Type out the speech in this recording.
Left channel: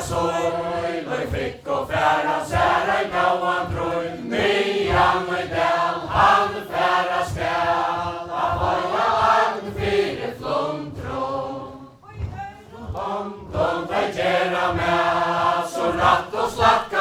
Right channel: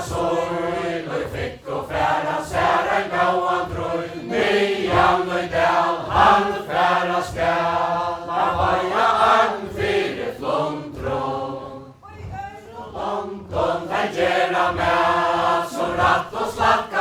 Søyler fikk og færa særa en gauan trøy, nyan og del han færa skal, av høya agn fire flomtråd. Dom, dei gjerra med, så ratt og slatt